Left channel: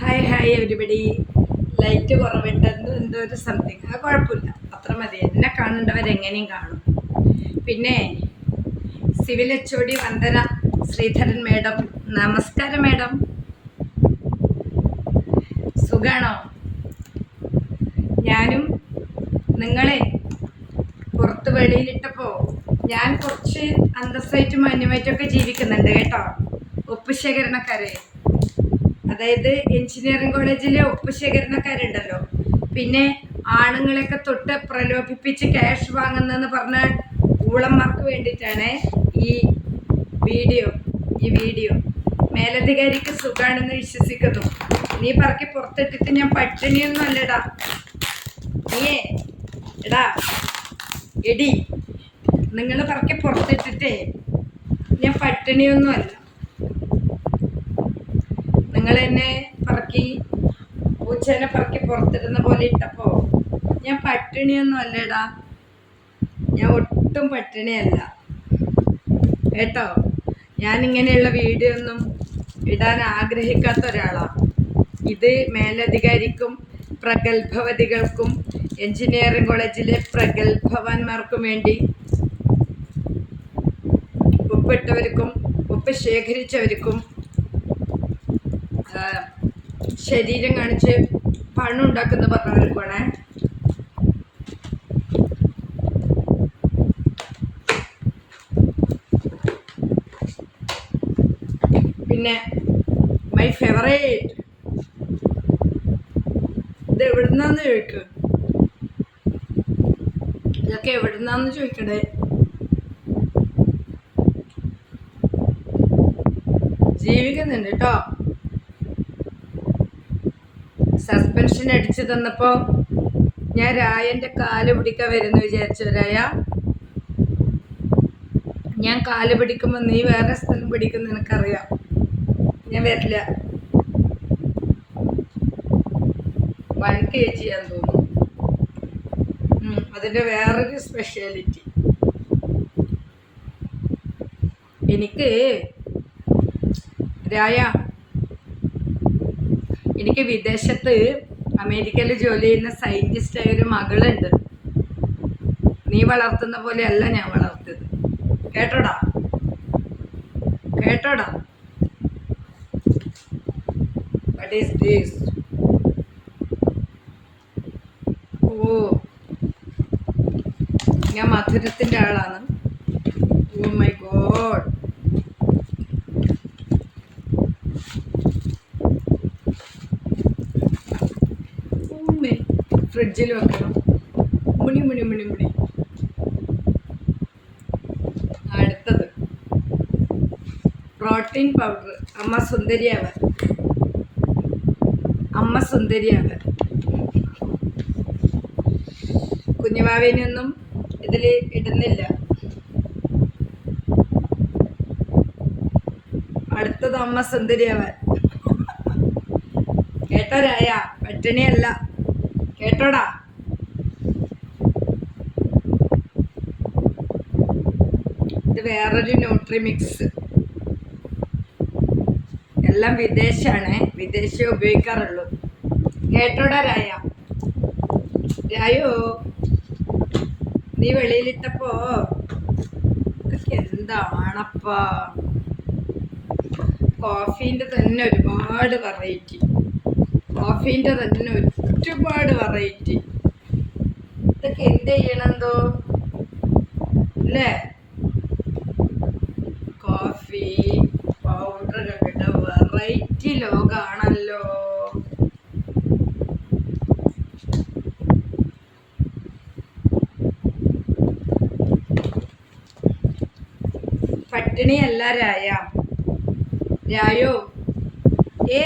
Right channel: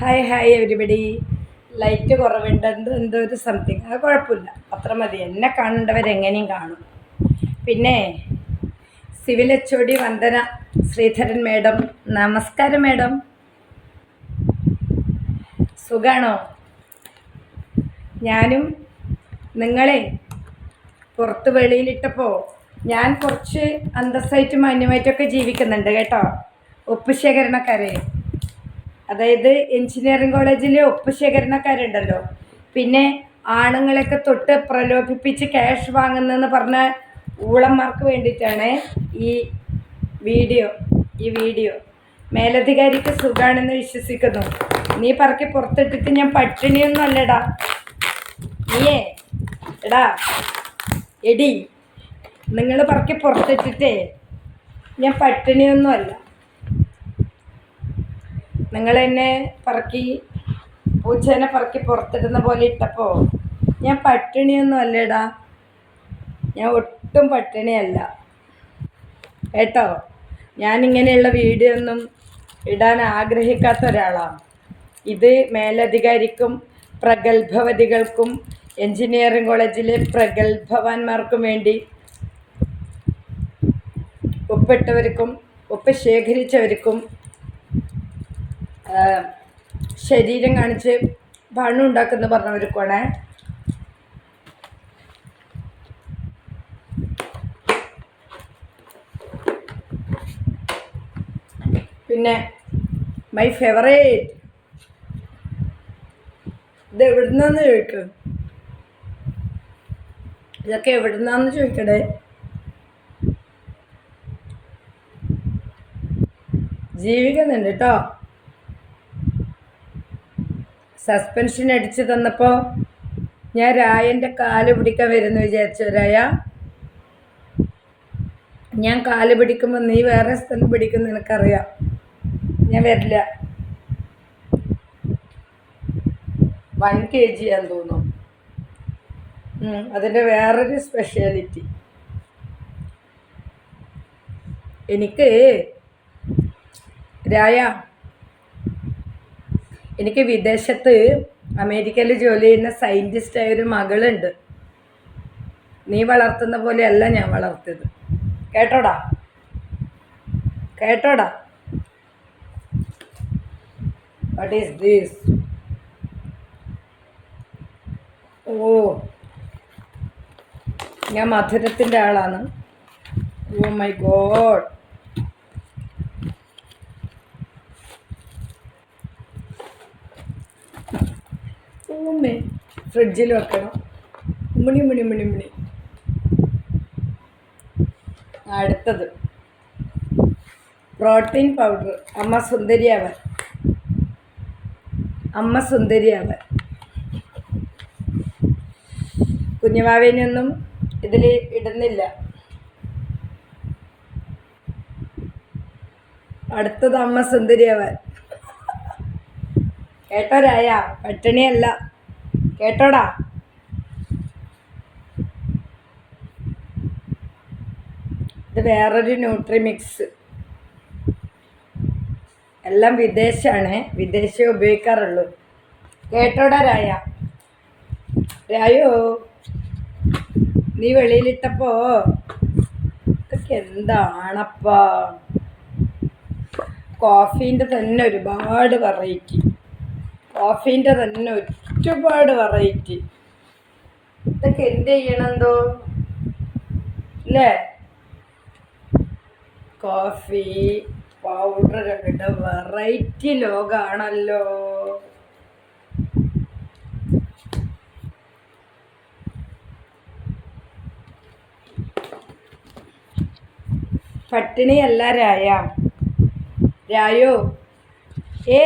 Hi hi everybody. Light കുറവുണ്ട്, എന്തോ ഒരു സംതിങ്. അത് കുഴപ്പമില്ല, അത്ര മതി. എന്നെ കാണേണ്ടവരെങ്ങനെയും കാണും. പിന്നെ civil HOD Vandana Sreedharan madam, നമസ്കാരം മേഡം. സുഖാണോ? ഞാനും നിങ്ങളെ പുറത്ത് വെളിയിലിട്ടപ്പോൾ ഞാൻ കുറച്ച് അന്തസ്സായിട്ടും മാന്യമായിട്ടൊക്കെ ജീവിക്കുന്നുണ്ട് കേട്ടോ. ഒപ്പ് ശേഖരണക്കാരെ, അതായത് എഞ്ചിനീയറിംഗ് കോളേജിലെ ഒപ്പ് ശേഖരണക്കാരുണ്ടല്ലോ, പിന്നെ ആണുങ്ങളെയൊക്കെ തൊട്ട് പ്രലോഭിപ്പിച്ച് ക്യാഷ് വാങ്ങുന്നതെന്ന് പറഞ്ഞ ഊളന്മാർക്ക് വേണ്ടിയിട്ടാണ് ഈ വീഡിയോ. മേലധികാരിക്ക് സുഖാണെന്ന് വിശ്വസിക്കുന്നു. നീ പറക്കി പുറത്തിട്ടിട്ട് ഞാൻ പട്ടിണിയൊന്നും അല്ലടാ. നീയേ എടാ എടി, നിങ്ങൾ പറക്കി പുറത്തിട്ടിട്ടേ ഞാൻ പട്ടിണിയൊന്നും അല്ല. നിങ്ങൾ എന്നെ പറക്കി പൂച്ചേനെ പറക്കി പുറത്തിടുന്ന പോലെ ഇട്ടപ്പോൾ ഞാൻ പട്ടിണിയൊന്നും അല്ലേടാ. ഞാൻ ഒട്ടും പട്ടിണിയല്ല കേട്ടോ. ഞാനിങ്ങനെയുള്ള വീഡിയോ ഒന്നും ഇടാൻ ആഗ്രഹിക്കാത്ത ഒരാളാണ്. ഇത് മേലധികാരിക്കും പ്രഗത്ഭവതികൾക്കും എഞ്ചിനീയറിംഗ് കോളേജിലെ പ്രഗത്ഭവാന്മാർക്കും വേണ്ടി, ഒപ്പിട്ടവർക്കും ഒപ്പ് ശേഖരിച്ചവർക്കും ശരീരം കാണിച്ച് പണം ഉണ്ടാക്കുന്ന പറഞ്ഞവർക്കുമാണ്. പിന്നെ മൈ ഫേവറേറ്റ്, ഇത് എവിടുന്നാന്ന് ചോദിക്കും. ഇതൊക്കെ എവിടുന്നാന്ന് ചോദിക്കണേ. ജീവിക്കുന്നുണ്ട് കേട്ടോ. സസ്പെൻഷൻ അടിച്ചു തന്നപ്പോൾ ഞാൻ രായൻ്റെ കാല് പിടിക്കാൻ വരുന്നു വിചാരിച്ചു. രായ, ഞാൻ കാല് പിടിക്കുമ്പോൾ നീ വേറെ സ്ഥലം പിടിക്കുന്ന എനിക്കറിയാം. ഞാൻ വരില്ല. 1 kg ആണെന്ന് തോന്നുന്നു. അതിൻ്റെ വേറൊരു സ്പെഷ്യാലിറ്റി. എനിക്ക് രായ, എനിക്ക് വിദേശത്ത് അമേരിക്കയിൽ ജോലി ചെയ്യുന്ന സയൻറ്റിസ്റ്റായ ഒരു മകളുണ്ട്. നീ വളർത്തുന്ന പോലെയല്ല ഞാൻ വളർത്തിയത്. കേട്ടോടാ. What is this? ഓ, ഞാൻ മധുരത്തിൻ്റെ ആളാണ്. Oh my god. ഫ്രിഡ്ജിൽ വെക്കണം. മുണി. അടുത്തത് പ്രോട്ടീൻ പൗഡർ. അമ്മ സുന്ദരിയാവൻ. കുഞ്ഞുവാവേനൊന്നും ഇതിൽ ഇടുന്നില്ല. അടുത്തത് അമ്മ സുന്ദരിയാവൻ. കേട്ടോ രായ, പട്ടിണിയല്ല കേട്ടോടാ. ഇത് വേറൊരു ന്യൂട്രി മിക്സ്. എല്ലാം വിദേശമാണ്, വിദേശേ ഉപയോഗിക്കാറുള്ളൂ. കേട്ടോടാ രായോ, നീ വെളിയിലിട്ടപ്പോ ഇതൊക്കെ എന്താണപ്പാ. കോഫീൻ്റെ തന്നെ ഒരുപാട് വെറൈറ്റി. ഇതൊക്കെ എന്ത് ചെയ്യണമെന്തോ അല്ലേ? കോഫി പൗഡറുകളുടെ വെറൈറ്റി ലോകമാണല്ലോ. പട്ടിണിയല്ല രായോ.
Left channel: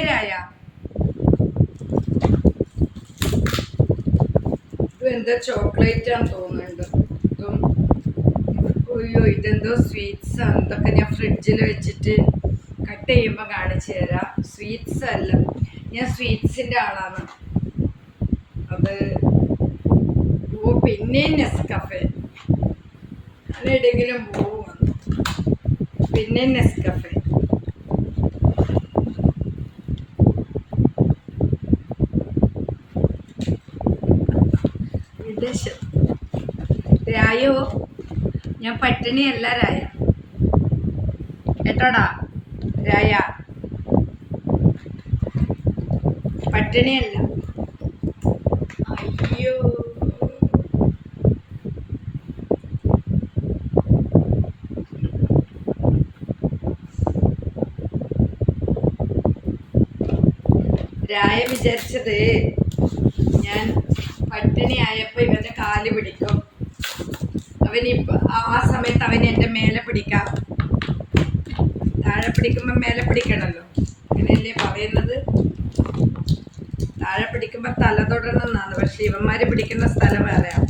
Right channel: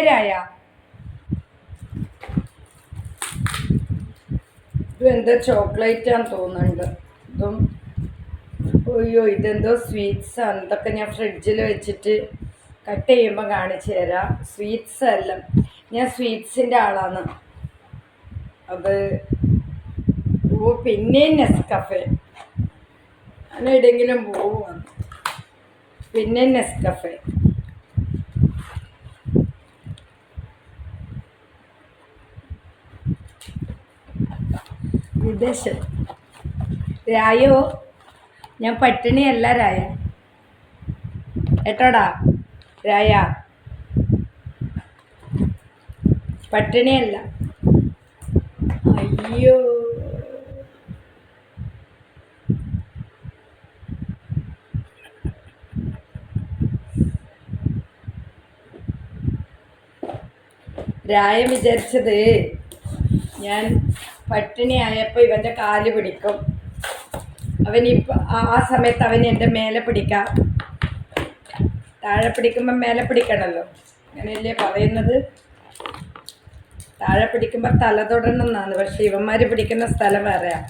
രായ, എന്തോ ചോക്ലേറ്റ് ആണെന്ന് തോന്നുന്നുണ്ട്. ഇതെന്തോ സ്വീറ്റ്സ് ആണ്. ഇതൊക്കെ ഞാൻ ഫ്രിഡ്ജിൽ വെച്ചിട്ട് കട്ട് ചെയ്യുമ്പോൾ കാണിച്ചു തരാം. സ്വീറ്റ്സ് അല്ല, ഞാൻ സ്വീറ്റ്സിൻ്റെ ആളാണ്. അത് പിന്നെ നെസ്കഫെ. ഞാൻ എവിടെയെങ്കിലും പോവുകയാണ്. പിന്നെ നെസ്കഫെ. വിദേശത്ത്. രായോ, ഞാൻ പട്ടിണിയല്ല രായ, കേട്ടോടാ രായ, പട്ടിണിയല്ല. അയ്യോ, രായ വിചാരിച്ചത് ഞാൻ പട്ടിണിയായപ്പോൾ ഇവൻ്റെ കാല് പിടിക്കും, അവനിപ്പോൾ ആ സമയത്ത് അവൻ എൻ്റെ മേലെ പിടിക്കാം, താഴെ പിടിക്കുമ്പോൾ മേലെ പിടിക്കണമല്ലോ, അങ്ങനെയല്ലേ പറയുന്നത്. താഴെ പിടിക്കുമ്പോൾ തല തൊടണം എന്നാണ്, പക്ഷെ ഇവന്മാർ പിടിക്കുന്ന സ്ഥലം വേറെയാണ്.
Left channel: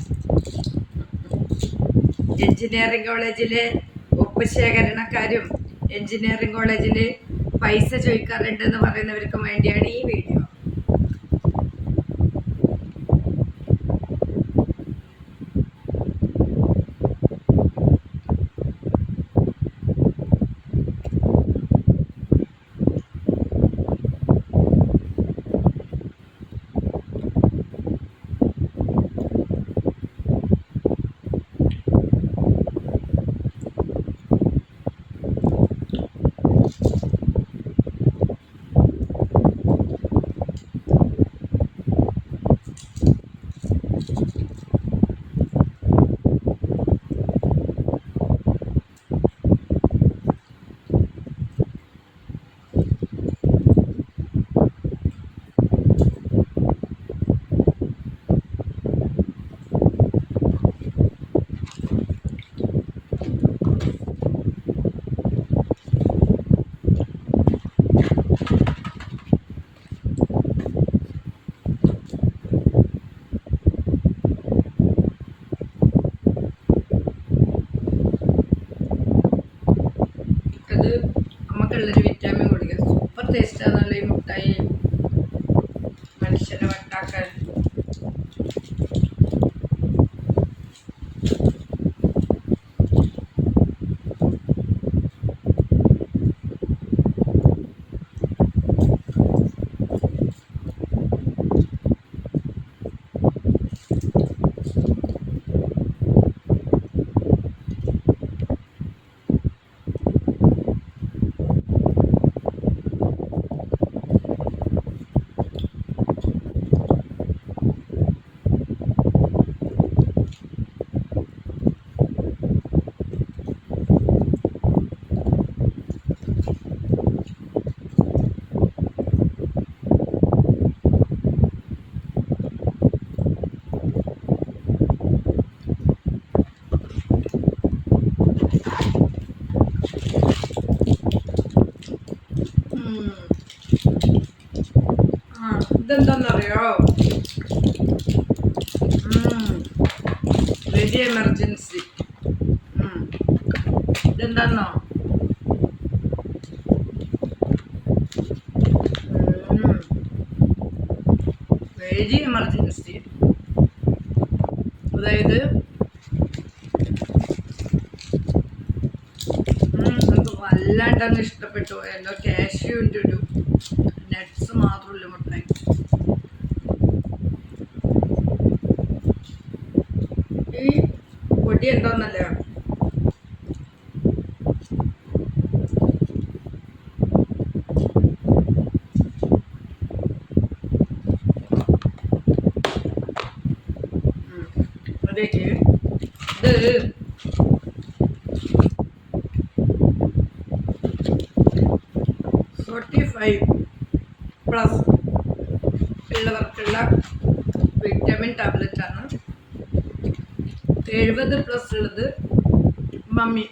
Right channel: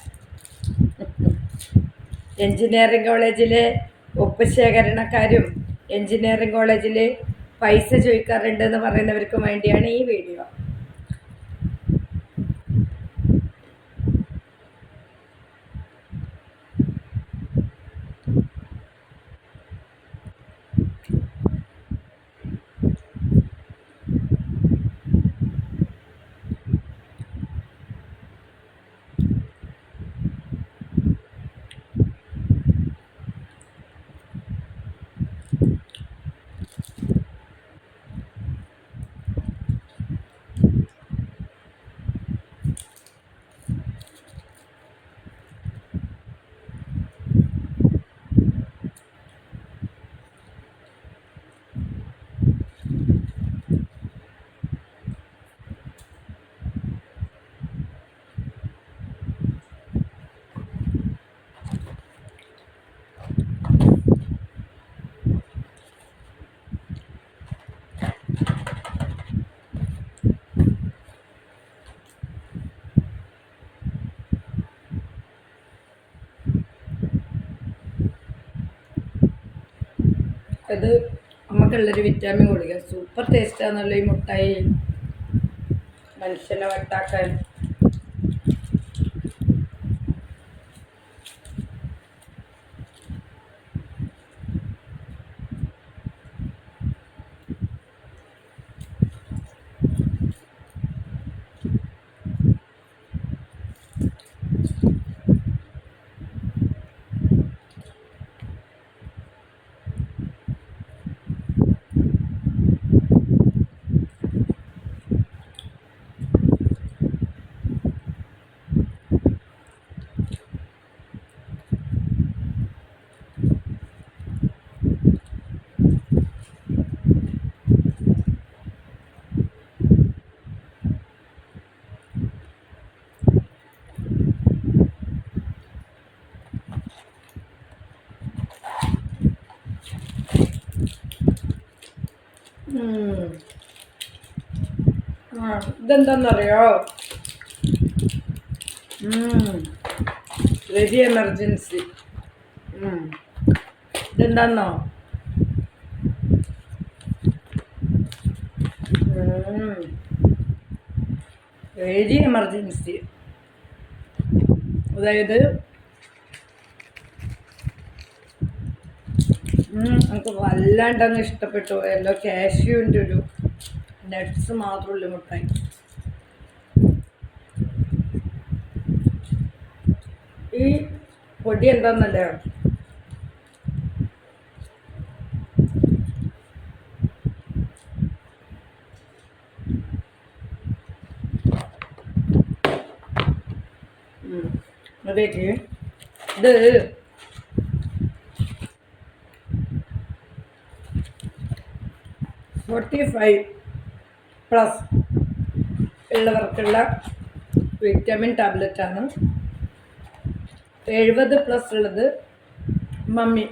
എൻജിനീയറിംഗ് കോളേജിലെ ഒപ്പ് ശേഖരണക്കാരും എൻജിനീയറിംഗ് കോളേജിൽ പൈസ ചോദിക്കാറുണ്ടെന്ന് പറയുന്നവർക്കും വേണ്ടിയാണ് ഈ വീഡിയോ. അത് നമുക്കുള്ളൊരു വിറ്റാമിൻ ഗുളിക, സൂപ്പർ ടേസ്റ്റാന്നുള്ള ഈ മുട്ടായി, മനുഷ്യനെ വട്ടാക്കാൻ. ഇതെന്താന്നറിയോ, വെരി എമർജൻസി. ഇതെന്താന്നോ, വെരി എമർജൻസി. അതായത് നമുക്ക് വല്ലാണ്ടങ്ങ് ഇഷ്ടപ്പെട്ടു പോയല്ലോ. കാഷ്യൂവിൻ്റെ ഒരു നട്ട്സ് മാത്രമുള്ള മുട്ടായി. ഈ പൊടി എന്താന്നല്ലേ, അതേക്ക് ഇത് 45+ ഉള്ളവർക്കുള്ള വിറ്റാമിൻ ടാബ്ലറ്റാണ്. 70+ ഉള്ളത് മമ്മി.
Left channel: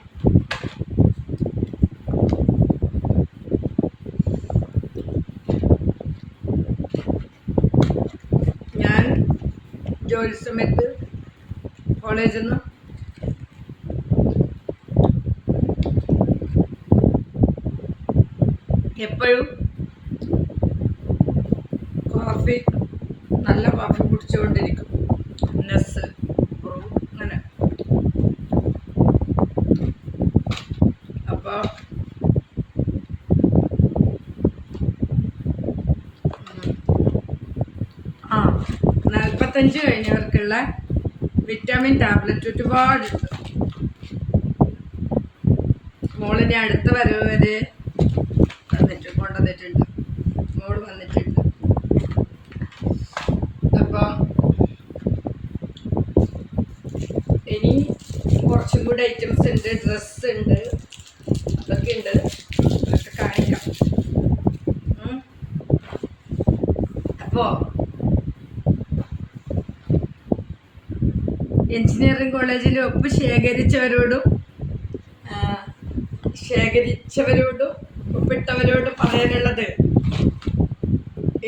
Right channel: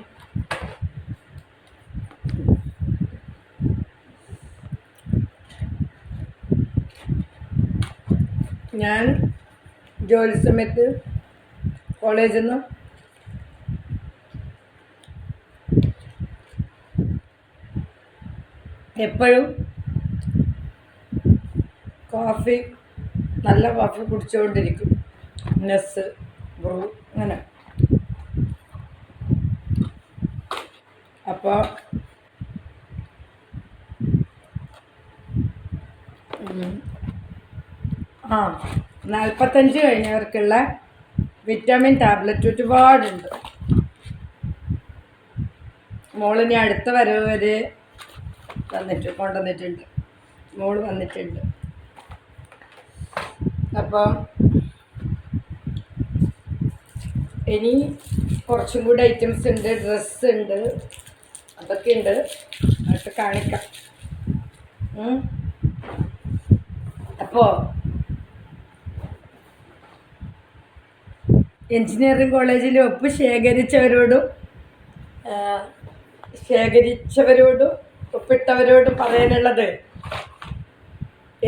ഞാൻ ജോലി സമയത്ത് കോളേജിൽ നിന്ന് എപ്പോഴും കോഫി, നല്ല കോഫി കുടിച്ചുകൊണ്ടിരിക്കും. നെസ്, ബ്രൂ, അങ്ങനെ. അപ്പോൾ ആ 45 കഴിഞ്ഞവർക്കുള്ള വിറ്റാമിൻ ടാബ്ലറ്റ് ഒരുപാടുണ്ട്. മോളിനി അടുത്ത വരവ് വരെ കൊണ്ടുവന്നിട്ടുണ്ട്. മോള് വന്നിട്ടുണ്ട്. അപ്പം ഇനി കുറച്ചും കൂടി ഐറ്റംസ് ഉണ്ട്, ഡ്രസ്സ് ഉണ്ട്, അതൊക്കെ ഉണ്ട്, അതൊക്കെ കാണിക്കാം. അപ്പോൾ എഞ്ചിനീയറിംഗ് കോളേജിൽ ഒപ്പ് ശേഖരിച്ചവരോടും ഒപ്പിട്ടവരോടും പറയാനുള്ളത്,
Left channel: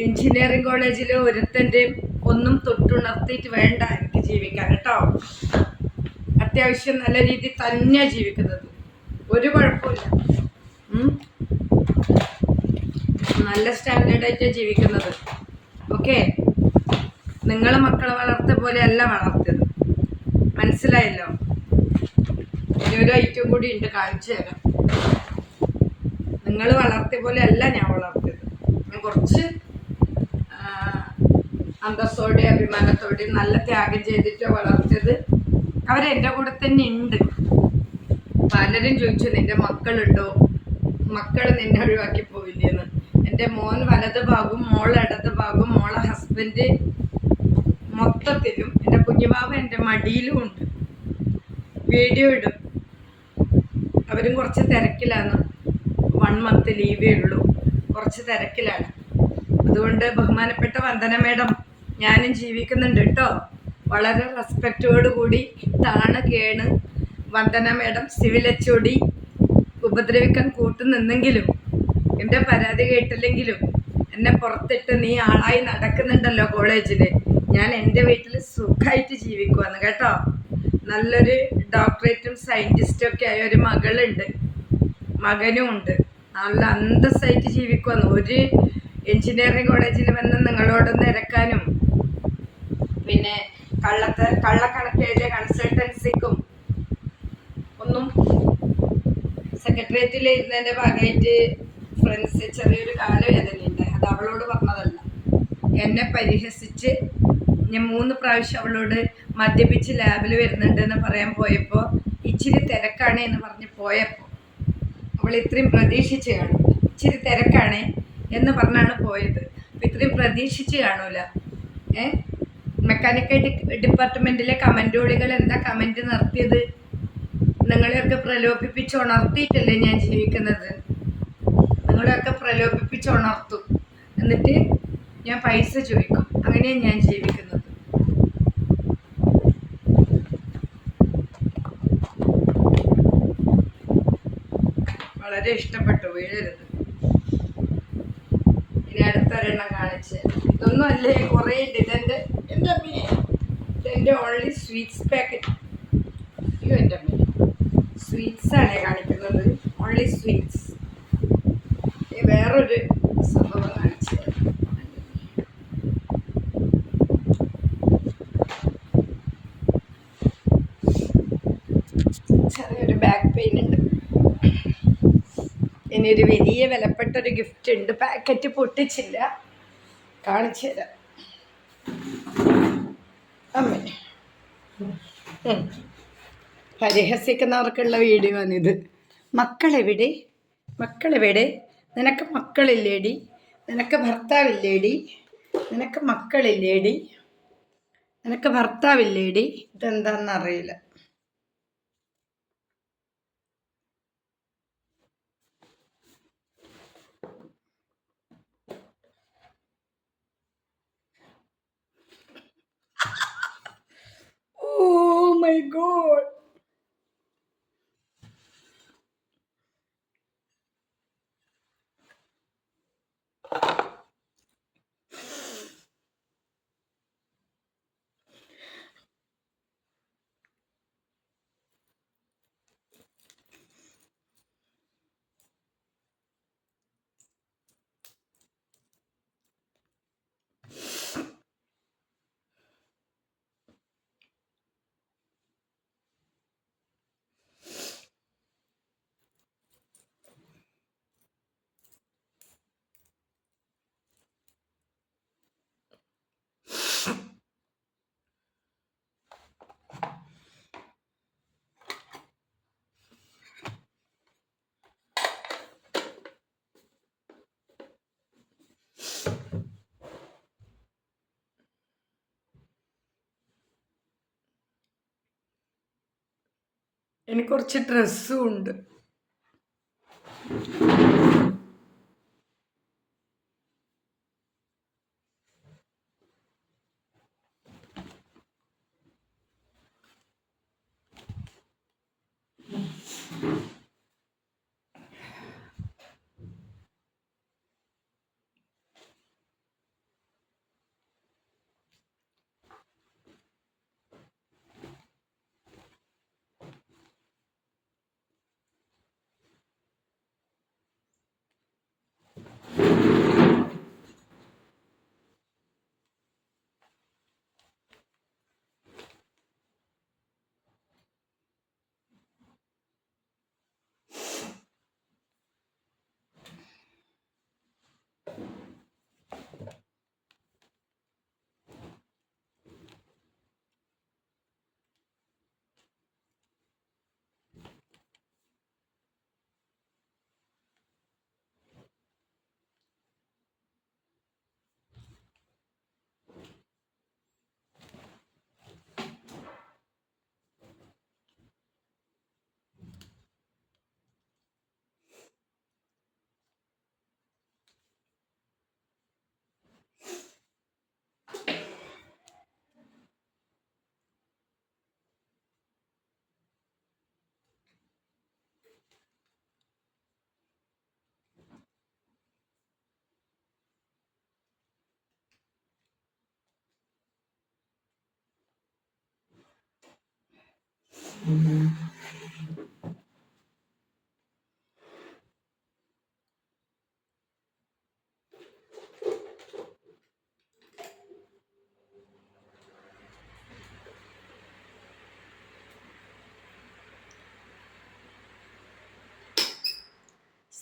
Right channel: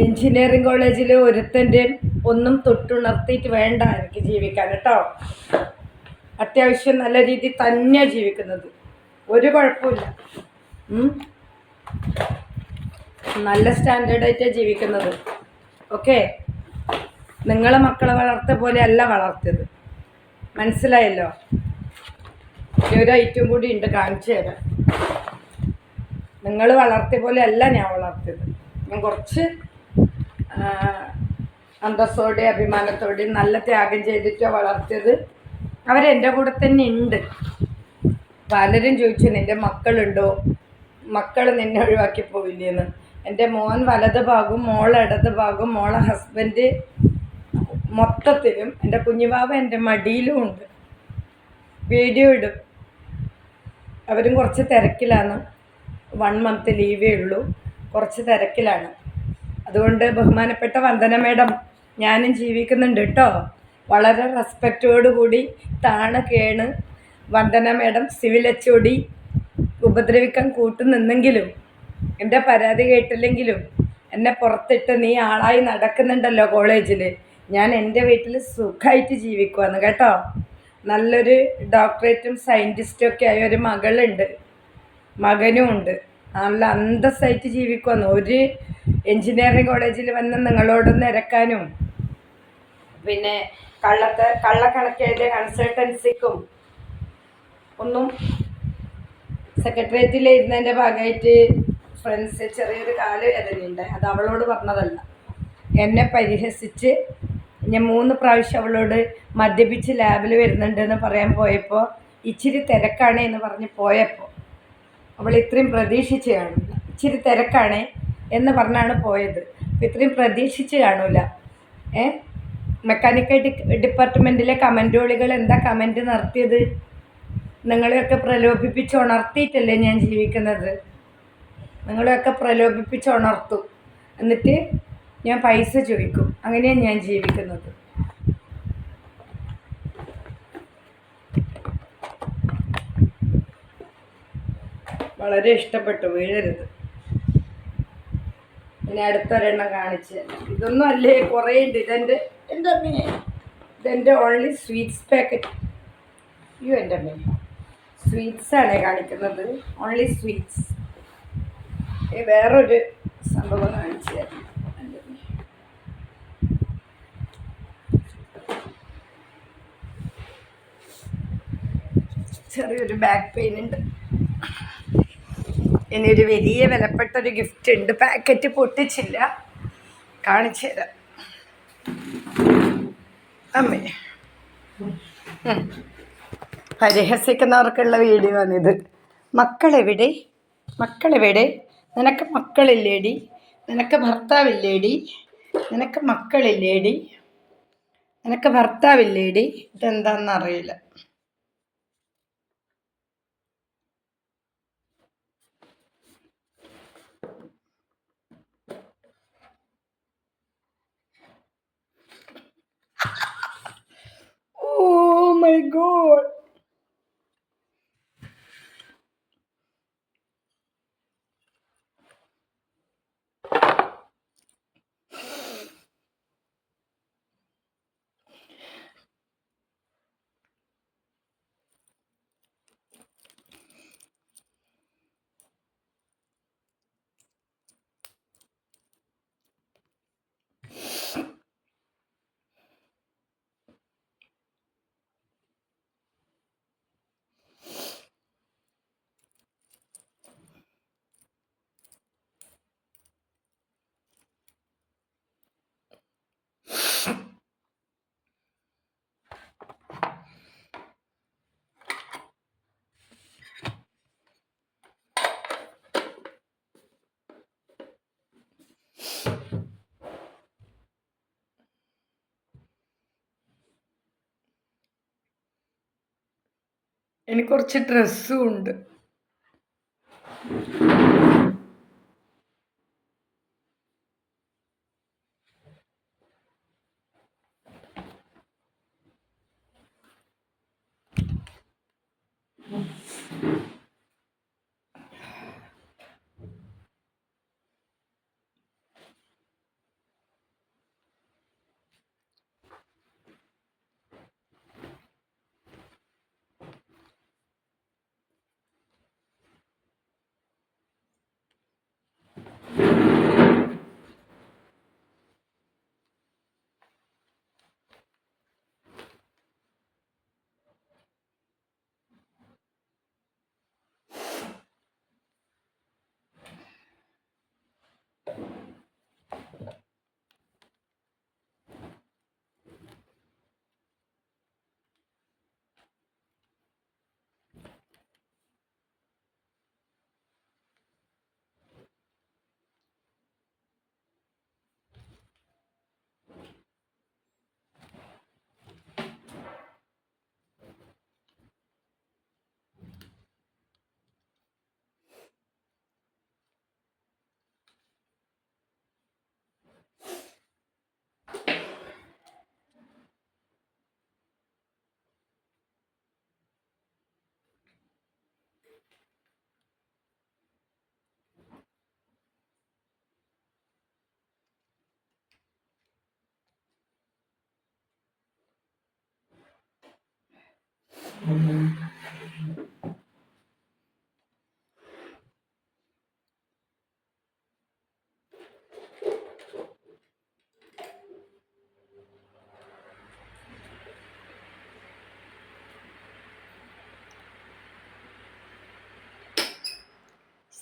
എഞ്ചിനീയറിംഗ് കോളേജിൽ ഒരുത്തൻ്റെയും ഒന്നും തൊട്ടുണർത്തിയിട്ട് വേണ്ട എനിക്ക് ജീവിക്കാൻ കേട്ടോ. അത്യാവശ്യം നല്ല രീതിയിൽ തന്നെയാണ് ജീവിക്കുന്നത്, ഒരു കുഴപ്പമില്ല. നല്ല സ്റ്റാൻഡേർഡായിട്ടാണ് ജീവിക്കുന്നത്. ഓക്കെ, നിങ്ങളെ മക്കളെ വളർത്തിയ പോലെ അല്ല വളർത്തിയത്, മനസ്സിലായല്ലോ. ഒരു ഐറ്റം കൂടി ഉണ്ട്, കാണിച്ചു തരാം. നിങ്ങൾ വളർത്തിയ പോലെ അല്ല ഞാൻ വളർത്തിയത്. ഞാൻ കുറച്ച് അന്തസ്സോടെ അഭിമാനത്തോടെ നല്ല ത്യാഗം ചെയ്തിട്ടാണ് വളർത്തിയത്. അവരെൻ്റെ കൂടെ തന്നെ ഉണ്ട്. പലരും ചോദിച്ചു നിൻ്റെ മക്കളുണ്ടോ, മക്കൾ നിന്നെ ഒഴിവാക്കി പോയില്ലേന്ന്. എൻ്റെ മോൻ വലത് ഭാഗവും മോൾ ഇടത് ഭാഗവും മോളെ ഹസ്ബൻഡ് മൊത്തത്തിലും, എൻ്റെ കുഞ്ഞുബാബ എൻ്റെ മടിയിലും ഉണ്ട്. വീഡിയോ ഇടും. അവരും കുറച്ച് തിരക്കിലാണ്. 1 മന്ത് ലീവേ ഉള്ളൂ, കുറച്ച് തിരക്കിലാണ്. അതുകൊണ്ട് ബഹുമാനപ്പെട്ട വന്ദന മേഡം, ഞാനും ജീവിക്കുന്നുണ്ട് കേട്ടോ. വളരെ റെസ്പെക്റ്റോടുകൂടി താണ് കേണ് വന്ദന മേഡം സിവിൽ HOD ഉപദ്രവിക്കാൻ കൂട്ടുനിന്നെങ്കിലും, എൻ്റെ പരാതി കേട്ടില്ലെങ്കിലും എന്നെ പുറത്തിട്ട് നീ ആളായി നടക്കുന്നുണ്ടല്ലോ കോളേജിൽ, ഞാൻ എൻ്റെ വീട്ടിൽ സുഖമായിട്ട് ജീവിക്കുവാന്ന് കേട്ടോ. നല്ലൊരു ഡോക്ടറേറ്റും സയൻറ്റിസ്റ്റും ഒക്കെ ആയ ഒരു മകളുണ്ട്, മകനും ഉണ്ട്. നല്ല അന്തസ്സായിട്ട് ജീവിക്കുവാന്ന്. ഒരു എൻജിനീയറിംഗ് കോളേജിൽ വന്ന് നിങ്ങളോടൊന്ന് ഇരക്കാനും പിന്നെ കള്ളക്കണക്ക് എഴുതിയ കൺസൾട്ടൻസിക്കും ഒന്നും സെക്രട്ടേറിയറ്റിൽ ഇരുന്നതിൻ്റെ ഭാഗമായിട്ട് ഫ്രണ്ട്സ് ചെറിയൊരു കാലവേദനയുണ്ട്. അത് അവളോട് പറഞ്ഞതല്ല, എന്നെ പരിഹസിച്ച് ഞാൻ 3 പ്രാവശ്യം അവളോട് മദ്യപിച്ച് ലാബിൽ വരുന്നുണ്ടെന്ന് പറയാൻ പോയപ്പോൾ ഇച്ചിരി തിരക്കാണ് എന്ന് പറഞ്ഞ് പോയപ്പോൾ അവൾ ഇത്രയും പ്രതീക്ഷിച്ച് കാണില്ല. ഇച്ചിരി തിരക്കാണ് എന്ന് പറഞ്ഞാണ് പോയത്. അപ്പോൾ ഇത്രയും പ്രതീക്ഷിച്ച് കാണൂല. മെക്കാനിക്കൽ ഡിപ്പാർട്ട്മെൻറ്റിലെ കമൻറ്റോളികൾ എന്താ കമൻറ്റ് നടത്തിയത്? നിങ്ങളെയൊക്കെ പ്രലോഭിപ്പിച്ച് ഉണർത്തിയിട്ടല്ലേ ഞാൻ ജീവിക്കുന്നത്. നിങ്ങളെയൊക്കെ പ്രലോഭിപ്പിച്ച് ഉണർത്തും, എന്നിട്ട് ഞാൻ പൈസ ചോദിക്കും. അങ്ങനെയാണ് ഞാൻ ജീവിക്കുന്നത്. വളരെ ഇഷ്ടപ്പെട്ടു, വീഴരുത്. ഇനി അടുത്തൊരെണ്ണം കാണിച്ച്. ഇതൊന്നും അല്ലേ, കുറേ ഉണ്ട്. എൻ്റെ അമ്മയെ, ഇതെൻ്റെ ഓൺലി സ്വീറ്റ്സ് പാക്കറ്റ്. അയ്യോ എൻ്റെ അമ്മയെ, സ്വീറ്റ്സാണ് കാണിക്കുന്നത്, ഓൺലി സ്വീറ്റ്സ്. വേറൊരു സംഭവം കാണിച്ചു തരാം. ചെറിയൊരു ബാക്ക് പെയിൻ ഉണ്ട്. ഇനിയൊരു വലിയ വിലപ്പെട്ടൊരു ഗിഫ്റ്റ് ഉണ്ട്. പാക്കറ്റ് പൊട്ടിച്ചില്ല, കാണിച്ചു തരാം. അമ്മേ, പരിഹസിക്കുന്നവർക്കുള്ള വീഡിയോ ആണിത്. മക്കളെവിടെ, മക്കളെവിടെ? നിനക്ക് മക്കളില്ലേടി? നിനക്ക് ഭർത്താവില്ലേടി? നിനക്ക് മക്കളില്ലേടി? നിനക്ക് ഭർത്താവില്ലേടി? ഇതെന്താണെന്നറിയില്ല. Oh my God. എനിക്ക് കുറച്ച് ഡ്രസ്സും ഉണ്ട്.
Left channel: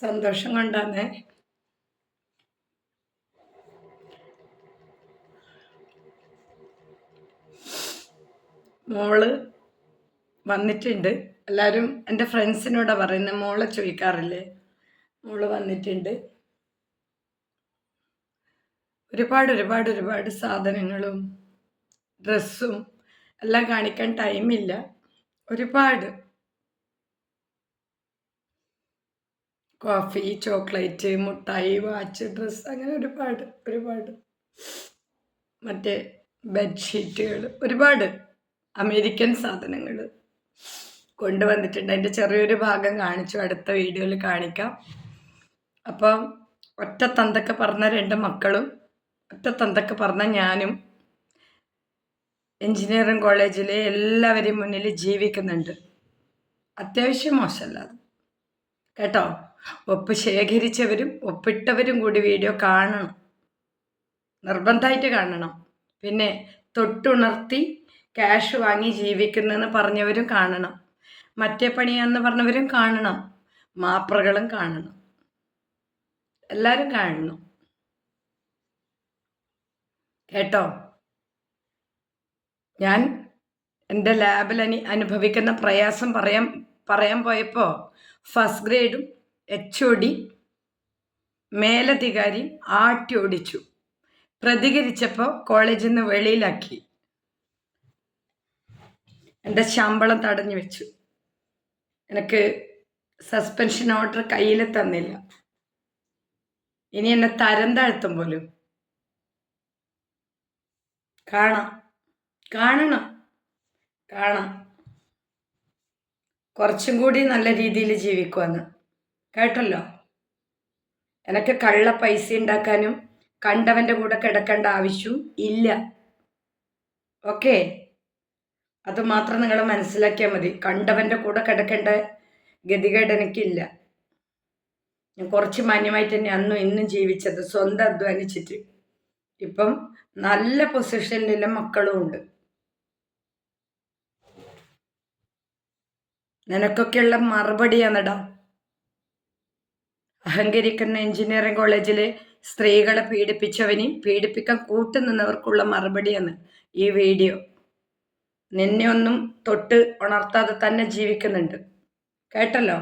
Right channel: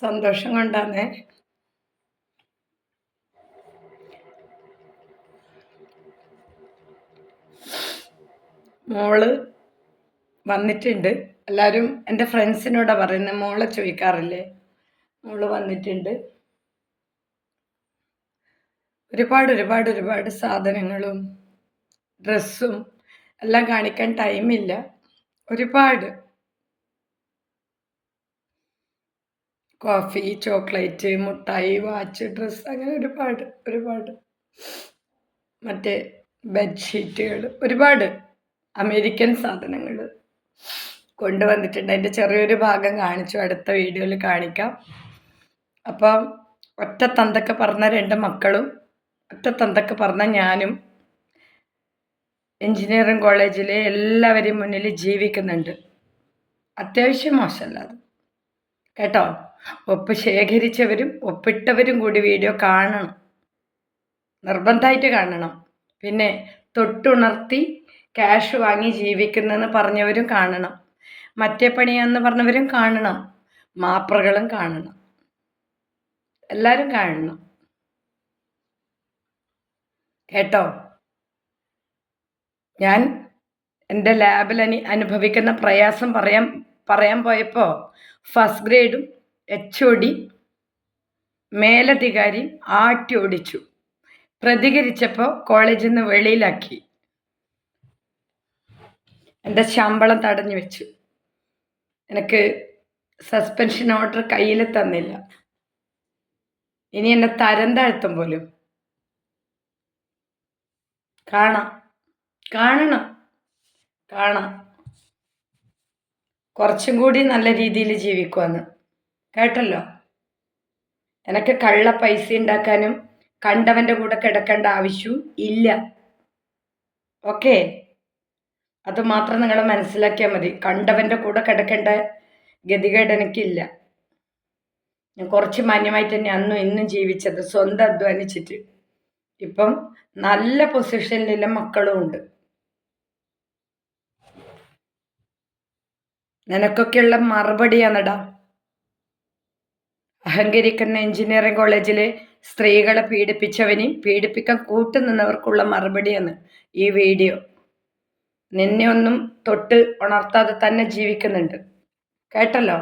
സന്തോഷം കൊണ്ടാണ്. മോള് വന്നിട്ടുണ്ട്. എല്ലാവരും എൻ്റെ ഫ്രണ്ട്സിനോടാണ് പറയുന്നത്, മോളെ ചോദിക്കാറില്ലേ. മോള് വന്നിട്ടുണ്ട്. ഒരുപാട് സാധനങ്ങളും ഡ്രസ്സും എല്ലാം കാണിക്കാൻ ടൈമില്ല. ഒരുപാട് കോഫി, ചോക്ലേറ്റ്, മുട്ടായി, വാച്ച്, ഡ്രസ്സ്, അങ്ങനെ ഒരുപാട് മറ്റേ ബെഡ്ഷീറ്റുകൾ, ഒരുപാട് അമേരിക്കൻ സാധനങ്ങൾ കൊണ്ടുവന്നിട്ടുണ്ട്. അതിൻ്റെ ചെറിയൊരു ഭാഗം കാണിച്ചു, അടുത്ത വീഡിയോയിൽ കാണിക്കാം. അപ്പം ഒറ്റ തന്തക്ക് പറഞ്ഞ 2 മക്കളും ഒറ്റ തന്തക്ക് പറഞ്ഞ ഞാനും എൻജിനീയറിംഗ് കോളേജിൽ എല്ലാവരെയും മുന്നിൽ ജീവിക്കുന്നുണ്ട്. അത്യാവശ്യം മോശമല്ലാതെ കേട്ടോ. ഒപ്പ് ശേഖരിച്ചവരും ഒപ്പിട്ടവരും കൂടി വീഡിയോ കാണണം, നിർബന്ധമായിട്ട് കാണണം. പിന്നെ തൊട്ടുണർത്തി ക്യാഷ് വാങ്ങി ജീവിക്കുന്നെന്ന് പറഞ്ഞവരും കാണണം, മറ്റേ പണിയാന്ന് പറഞ്ഞവരും കാണണം, മാപ്രകളും കാണണം, എല്ലാവരും കാണണം കേട്ടോ. ഞാൻ എൻ്റെ ലാബിൽ അനുഭവിക്കുന്ന പ്രയാസം പറയാൻ പോയപ്പോൾ ഫസ്റ്റ് ഗ്രേഡും HOD മേലധികാരിയും ആട്ടി ഓടിച്ചു. പ്രതികരിച്ചപ്പോൾ കോളേജിൽ നിന്ന് വെളിയിലാക്കി. എൻ്റെ ശമ്പളം തടഞ്ഞു വെച്ചു. എനിക്ക് സസ്പെൻഷൻ ഓർഡർ കയ്യിൽ തന്നില്ല. ഇനി എന്നെ തരം താഴ്ത്തും പോലും. കാണണം കുറച്ചും കൂടി നല്ല രീതിയിൽ ജീവിക്കുമെന്ന് കേട്ടല്ലോ. എനിക്ക് കള്ള പൈസ ഉണ്ടാക്കാനും കണ്ടവൻ്റെ കൂടെ കിടക്കേണ്ട ആവശ്യവും ഇല്ല. ഓക്കെ, അത് മാത്രം നിങ്ങൾ മനസ്സിലാക്കിയാൽ മതി. കണ്ടവൻ്റെ കൂടെ കിടക്കേണ്ട ഗതികേട് എനിക്കില്ല. ഞാൻ കുറച്ച് മാന്യമായിട്ട് തന്നെ അന്നും ഇന്നും ജീവിച്ചത്, സ്വന്തം അധ്വാനിച്ചിട്ട്. ഇപ്പം നല്ല പൊസിഷനിലുള്ള മക്കളും ഉണ്ട്. നിനക്കൊക്കെയുള്ള മറുപടിയാണെടാ. അഹങ്കരിക്കുന്ന എഞ്ചിനീയറിംഗ് കോളേജിലെ സ്ത്രീകളെ പീഡിപ്പിച്ചവനെയും പീഡിപ്പിക്കാൻ കൂട്ടുനിന്നവർക്കുള്ള മറുപടിയാണ് ഈ വീഡിയോ. നിന്നെ ഒന്നും തൊട്ട് ഉണർത്താതെ തന്നെ ജീവിക്കുന്നുണ്ട് കേട്ടല്ലോ.